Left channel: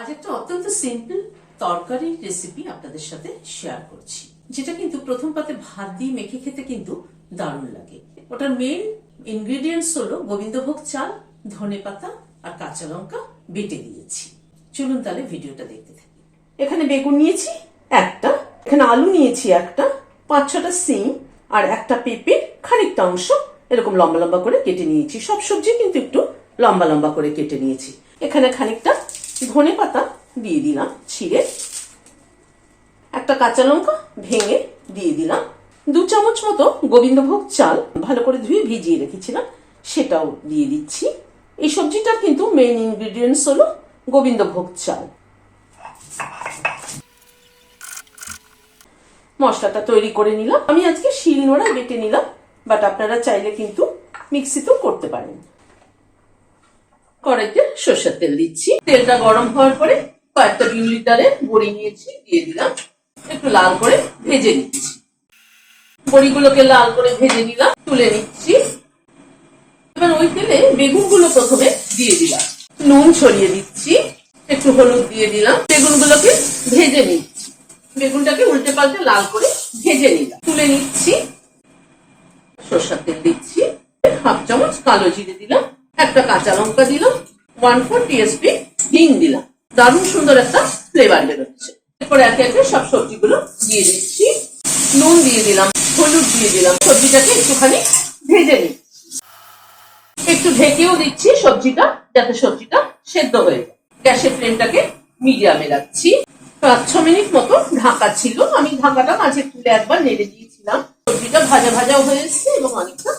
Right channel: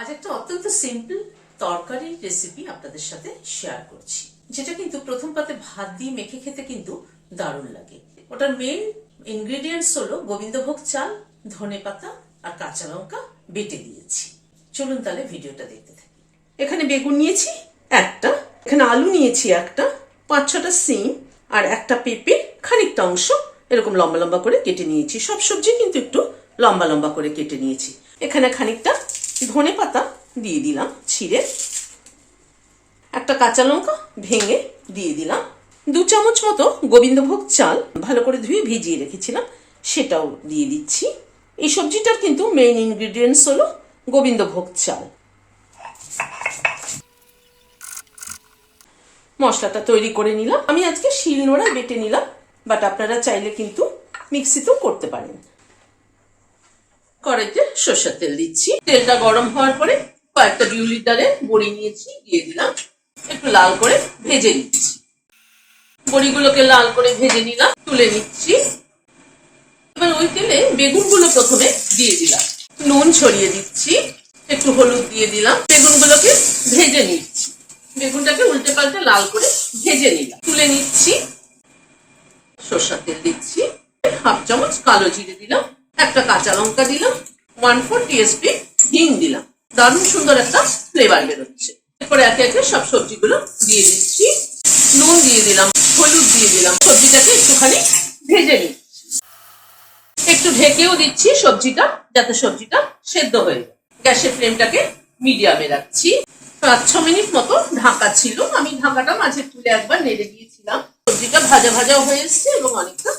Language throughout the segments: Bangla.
আজ একটা অত্যন্ত সিম্পল তরকারির রেসিপি আপনাদের সাথে শেয়ার করছি, যেটা কিন্তু প্রথম পাতে ভাত দিয়ে মেখে খেতে কিন্তু দারুণ লাগে। ওটার মেন ইনগ্রেডিয়েন্টস হলো গোবিন্দভোগ চাল, ধনেপাতা আর কাঁচা লঙ্কা বেটে দিয়েছি। চলুন তাহলে ভিডিওটা দেখতে থাকি। এখানে বেগুন নিয়েছি একটা, এখানে আলু নিয়েছি একটা, 5-6টা সিম আর একটা পেঁপে খানিকটা অংশ এরকম লম্বা লম্বা করে কেটে নিয়েছি। সব সবজি কিন্তু একটু লম্বা লম্বা করে কেটে নিয়েছি। এখানে খানিকটা ধনেপাতা দিয়ে দিলাম ছিঁড়ে, একটা কাঁচা লঙ্কা ভেঙে দিয়ে দিলাম, 2 চামচ মতো গোবিন্দভোগ চাল ভালো করে ধুয়ে ভিজিয়ে রেখেছিলাম সেটাও দিয়ে দিচ্ছি। এই সবজিটার কিন্তু মেইন ইনগ্রেডিয়েন্টস হলো গোবিন্দভোগ চাল। মশলাটা তৈরি করে নিলাম। আমি আজকে শিলনোড়ায় বেটে নিলাম, বাট আপনারা চাইলে কিন্তু মিক্সিতেও করতে পারেন। কড়াইতে সরষের তেল দিচ্ছি। তেলটা গরম হওয়ার পরে কয়েকটা বিউলির ডালের বড়ি নিয়েছি, দিয়ে দিলাম, একটু লাল করে ভেজে নিচ্ছি। বড়িগুলোকে লাল করে ভেজে নিলাম, তুলে নিচ্ছি। এবার ওই তেলে বেগুনগুলো প্রথমে দিয়ে দিলাম, নুন ছড়িয়ে দিচ্ছি, একটু হলুদ দিয়ে দিলাম, বেগুনগুলোকে ভেজে নিচ্ছি। বেগুনটাকে উল্টে পাল্টে লাল করে ভেজে নিলাম, তুলে নিচ্ছি। সরষের তেল দিচ্ছি, 1/2 চামচ কালো জিরে দিলাম, একটা কাঁচা লঙ্কা দিলাম, 1/4 টিস্পুন হিং দিলাম। দারুণ সুন্দর একটা ফ্লেভার বেরোচ্ছে। এরপর একে একে সব সবজিগুলো দিয়ে দিচ্ছি। নুন দিয়ে দিলাম, হলুদ দিয়ে দিলাম, সবজিটাকে একটুখানি ভেজে নিচ্ছি। একটু ঢেকেও দিচ্ছি সবজিটা, যাতে সবজিটা সেদ্ধ হয়ে যায়। গ্যাসের ফ্লেমটাকে মিডিয়ামে রাখছি। 5-6 মিনিট মতো ঢাকা ছিল, আমি ঢাকাটা মাঝে তুলে একবার নেড়ে দিয়েছিলাম। সবজিটা ভাজা ভাজাও হয়ে এসছে এবং অনেকটা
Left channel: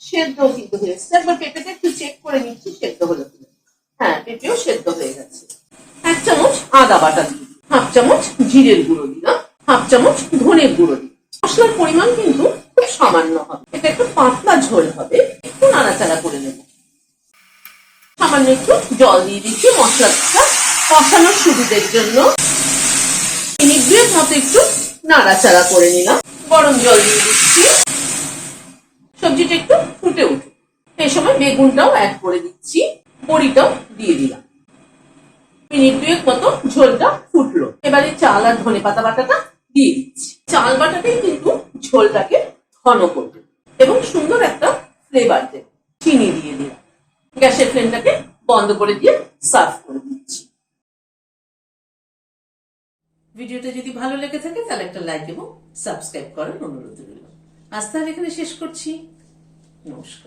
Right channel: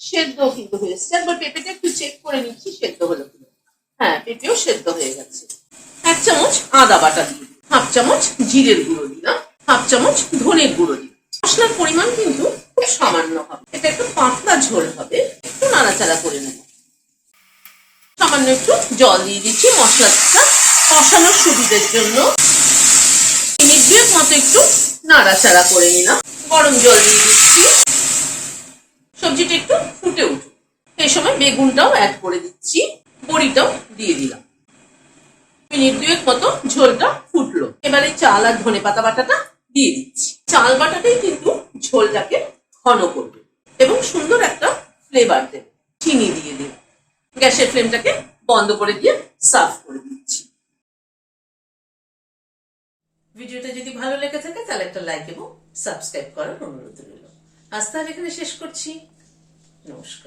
সেদ্ধ কিন্তু হয়ে এসছে। একবার পেঁপেটা একটু চেক করে নিচ্ছি সেদ্ধ হলো কিনা। হ্যাঁ, পেঁপেও সেদ্ধ হয়ে গেছে। 1 চামচ আদা বাটা দিলাম, 1/2 চামচ জিরের গুঁড়ো দিলাম, 1/2 চামচ ধনের গুঁড়ো দিলাম। মশলার পরিমাণ কিন্তু খুব সামান্য হবে, এটা একটু পাতলা ঝোল হবে। একটু নাড়াচাড়া করে নেব। সামান্য একটু জল দিয়ে দিচ্ছি মশলাটা কষানোর সুবিধের জন্য। মিনিট 2 মতো একটু নাড়াচাড়া করে নিলাম। গরম জল দিয়ে দিচ্ছি। সবজিটা একটু ফুটে উঠুক, এই সময় বেগুনটাও অ্যাড করে দিচ্ছি, বড়িটাও দিয়ে দিলাম। মিনিট 2 মতো ঝোলটা ফুটলো। এবারে চাল আর ধনেপাতা বাটাটা দিয়ে দিচ্ছি। চাল বাটাটাই কিন্তু ঝোলটাকে ঘন করবে এবং সুন্দর একটা ফ্লেভার দেবে। চিনি দিয়ে দিলাম। গ্যাসের ফ্লেমটাকে বন্ধ করে দিয়ে সার্ভ করে দিচ্ছি। ভিডিওটা যদি ভালো লেগে থাকে তাহলে একটা লাইক এবং সাবস্ক্রাইব করার অনুরোধ রইল। আজ তাহলে এখানে শেষ করছি। নমস্কার।